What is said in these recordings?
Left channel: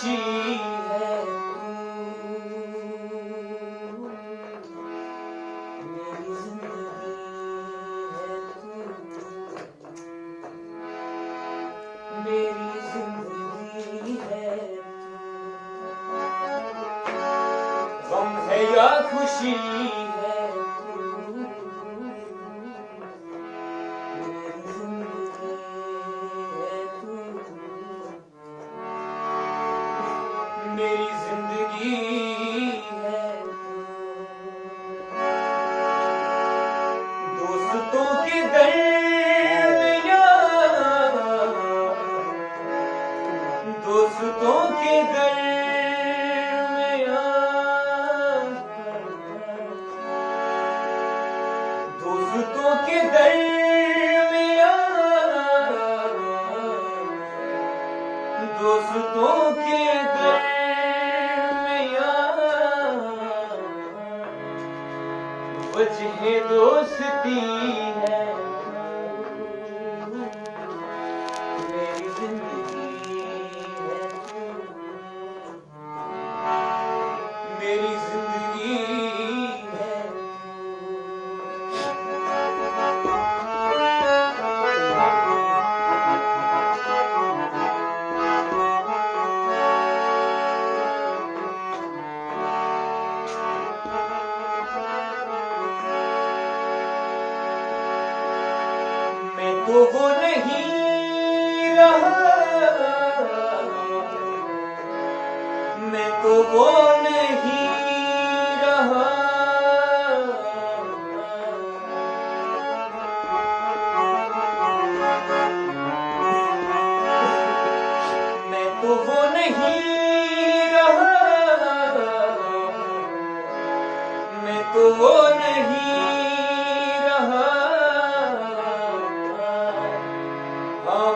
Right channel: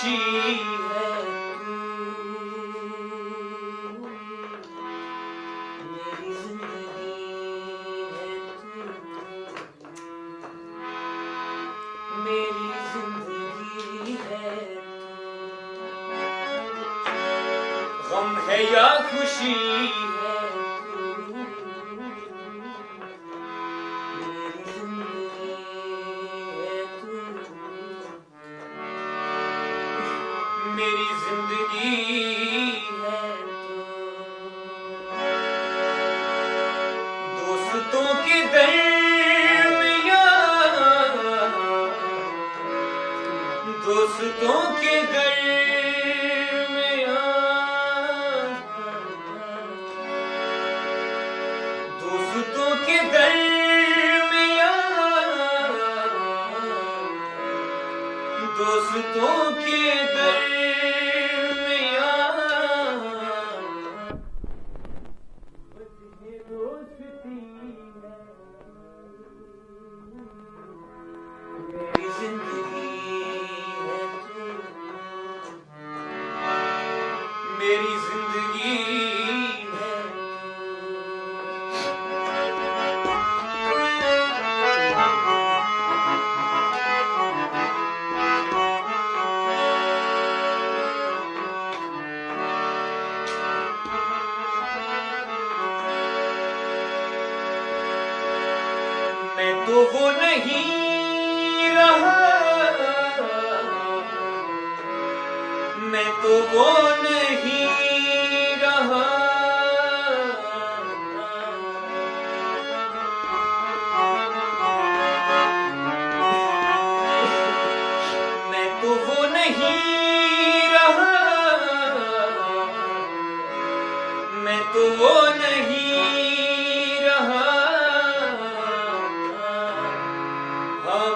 खुशी है मेरी जिंदगी है गम है या खुशी है मेरी जिंदगी है दोस्तों के दरमियान दोस्तों के दरमियान दोस्तों के दरमियान दोस्तों के वजह दोस्ती है मेरी जिंदगी है मेरी जिंदगी है मैं तो वो नहीं रहा मैं तो वो नहीं रहा मैं तो वो नहीं रहा मैं तो वो नहीं रहा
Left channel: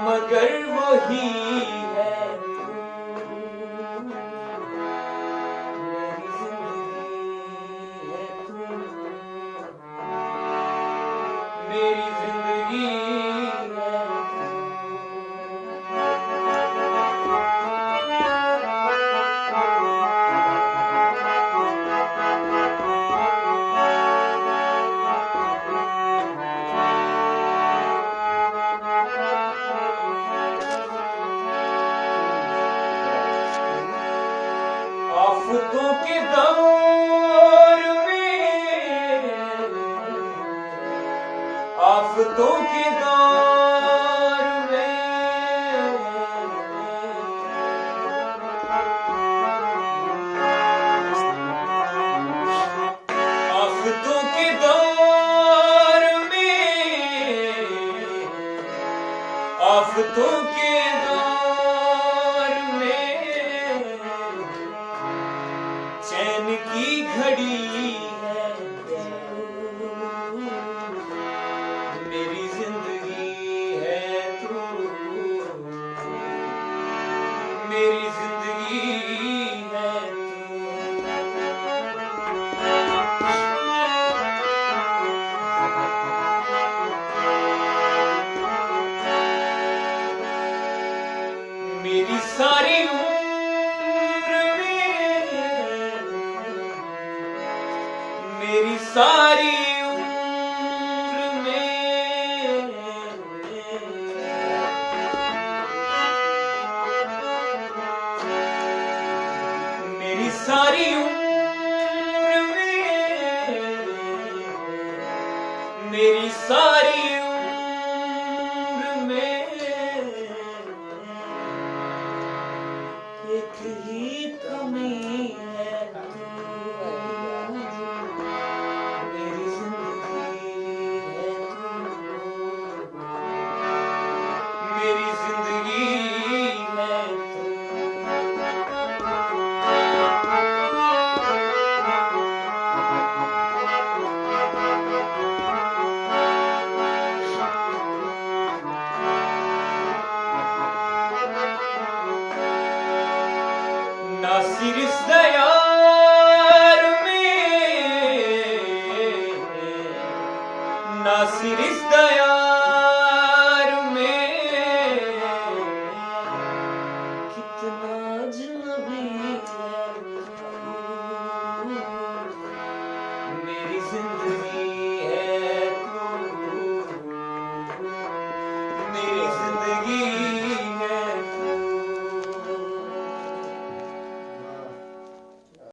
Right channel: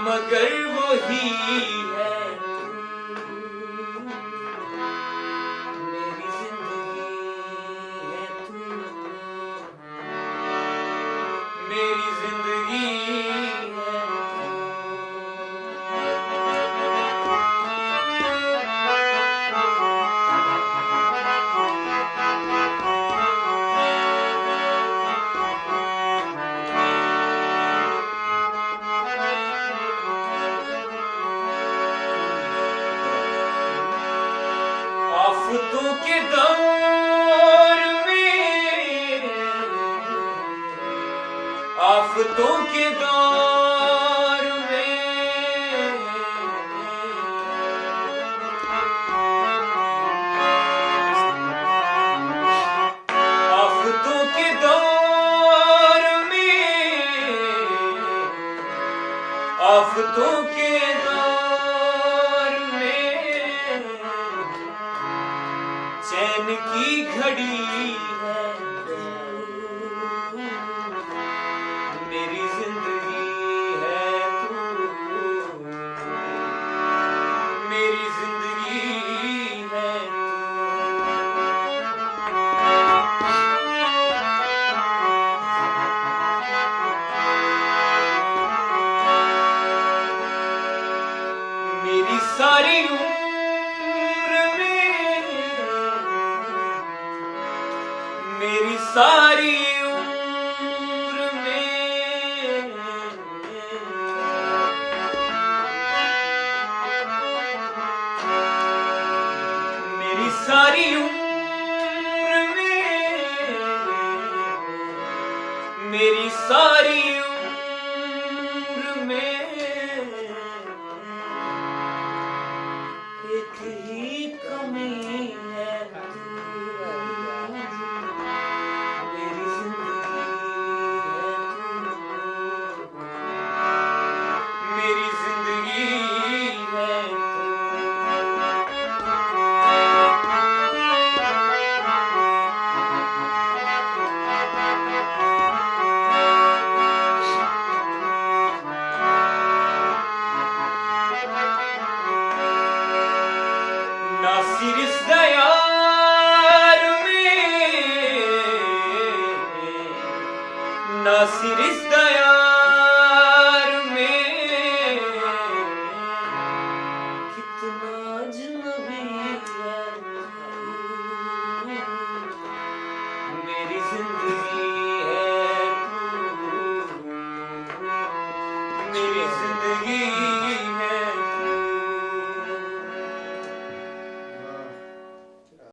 मगर वही है मेरी जिंदगी है मेरी जिंदगी आफतों के दौर में आफतों के दौर में आफतों के दौर में आफतों के चैन की घड़ी है मेरी जिंदगी है तू मेरी जिंदगी है मेरी सारी मेरी सारी उम्र में मेरी सारी उम्र में मेरी सारी उम्र में एक ही कमी है मेरी जिंदगी है नासिर इस दयार में नासिर इस दयार में कितना अजनबी मेरी जिंदगी